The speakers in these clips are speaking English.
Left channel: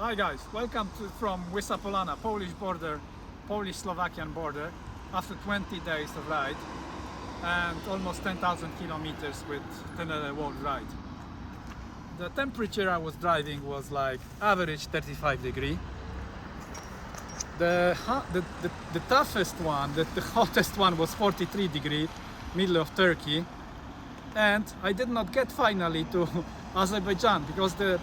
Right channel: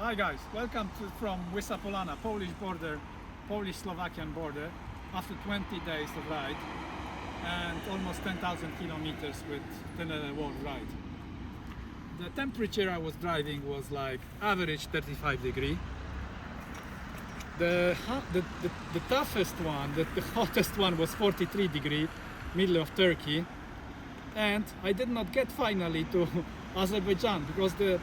Hi guys, welcome from Polana, Polish-Slovakian border, after 20 days of ride and almost 10,000 kilometers with Tenere World Ride. The temperature I was driving was like average 35 degree. The toughest one, the hottest one was 43 degree, middle of Turkey, and I did not get finally to Azerbaijan because the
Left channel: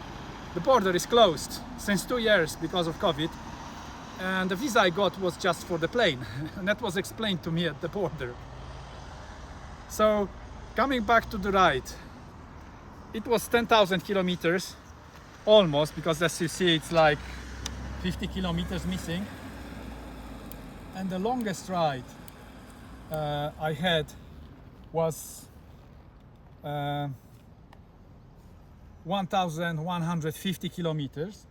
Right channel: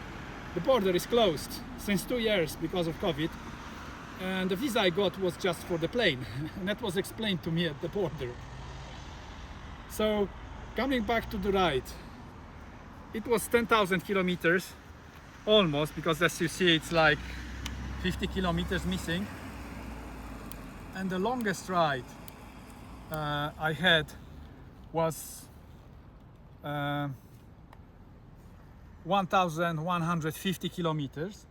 border is closed since 2 years because of COVID, and the visa I got was just for the plane and that was explained to me at the border. So coming back to the ride, it was 10,000 kilometers almost, because as you see it's like 50 kilometers missing, and the longest ride I had was 1,150 kilometers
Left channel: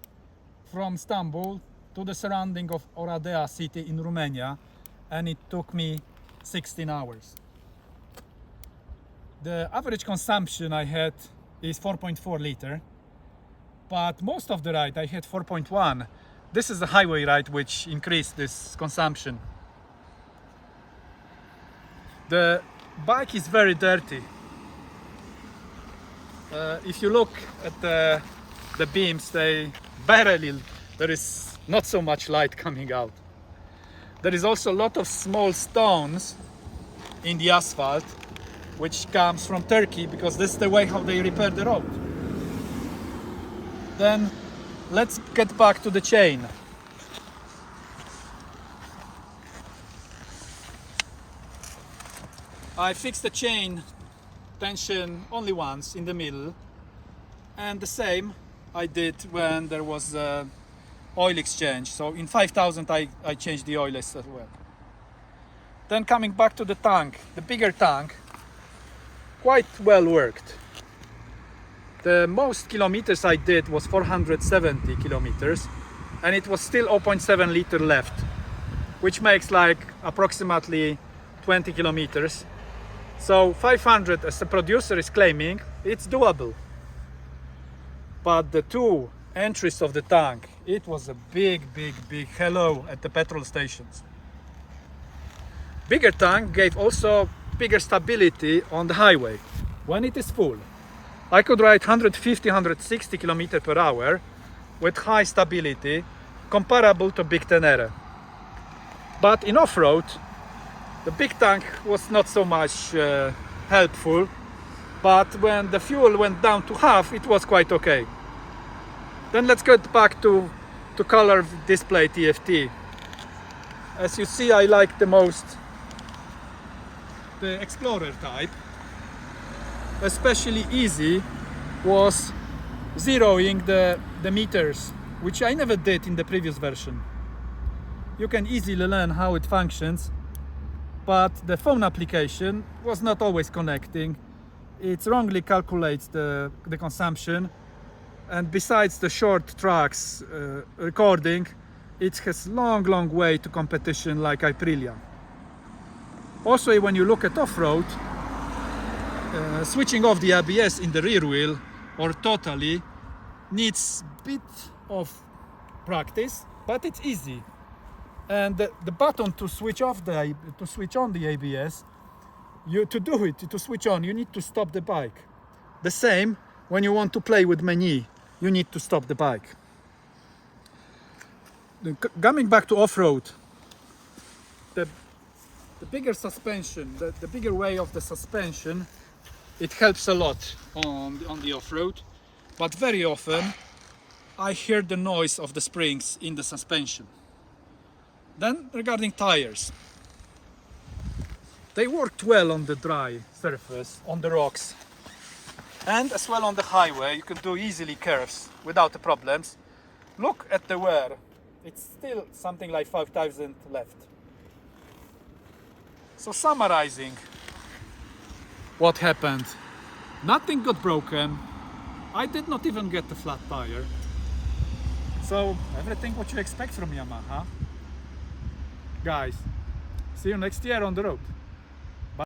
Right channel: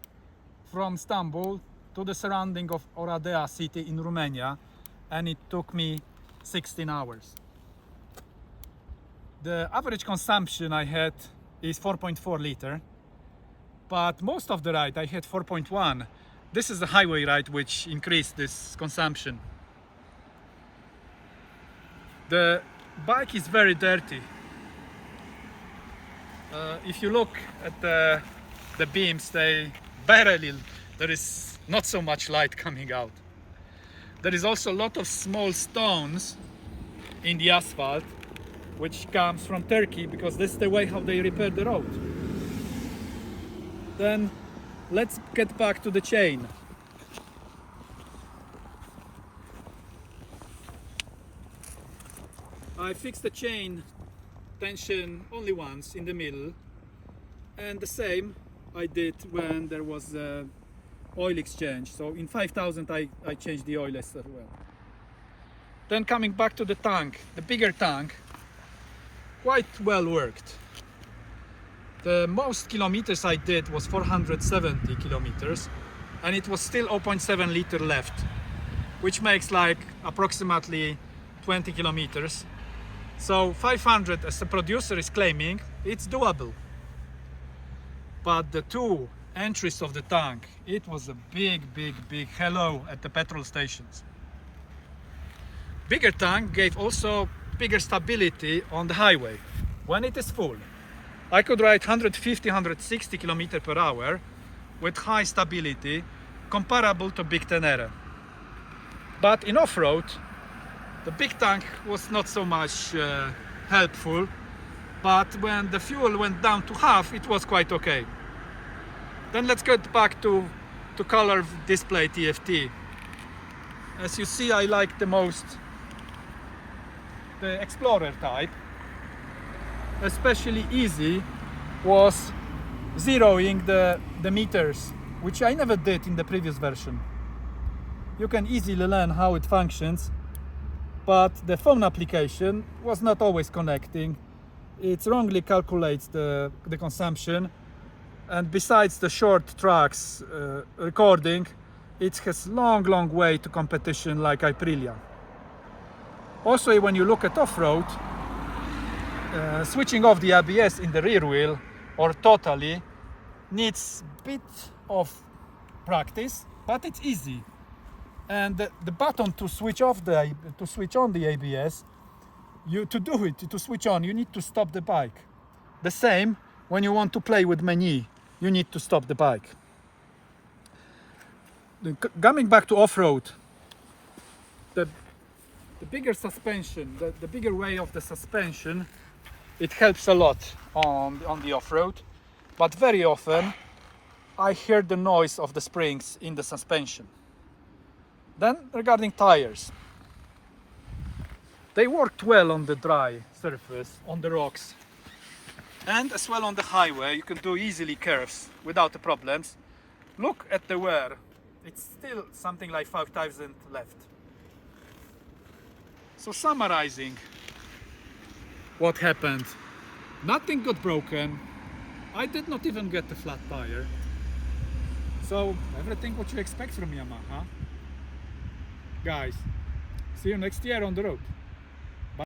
from Istanbul to the surrounding of Oradea city in Romania, and it took me 16 hours. The average consumption I had is 4.4 liter, but most of the ride I had 4.1. This is a highway ride which increased this consumption. The bike is very dirty. If you look at the beams, there is not so much light coming out. There is also a lot of small stones in the asphalt, which comes from Turkey, because this is the way how they repair the road. Then let's get back to the chain. I fixed the chain tension only once in the middle, and the same I did when there was oil exchange. So in 5,000 I changed the oil as well. Then coming back to the tank, the bigger tank, quite well worked. The most kilometers I did was 470 kilometers, and it was still 0.7 liter left, which makes like approximately 20 kilometers. So 500, as the producer is claiming, it's doable. But the two entries of the tank, it was a big hello at the petrol stations. Bigger tank gave also bigger stability on the highway. When it is full, I could ride 150-160 km per hour with high stability, comparable to big Tenere. But in off-road, the big tank was not so much helpful, but when the fuel went down to half, it was quite okay. Then let's get back to color display TFT. As you see, I like the most the Explorer type. Especially easy was zeroing the meters, which I never did in the previous version. You can easily learn how it functions, but the phone application was not always connecting. It wrongly calculates the consumption, and besides the short tracks recording, it has long way to competition like Aprilia. Also, when you look at off-road, switching off the ABS in the rear wheel or totally needs a bit of practice, but it's easy. And the button to switch on the ABS, to switch on, you need to stop the bike. The same when you want to play with menu, you need to stop the bike. Coming back to off-road, the bigger suspension, the bigger way of the suspension, it helps a lot on the off-road, but very often I hear the noise of the springs in the suspension. Then regarding tires, they worked well on the dry surface, on the rocks, and as well on the highway. You can do easily curves without the problems. Look at the wear, it's still something like 5,000 left. So summarizing what happened, nothing got broken, I did not even get the flat tire, so everything what you expect from Yamaha. Guys, see you next year on the road.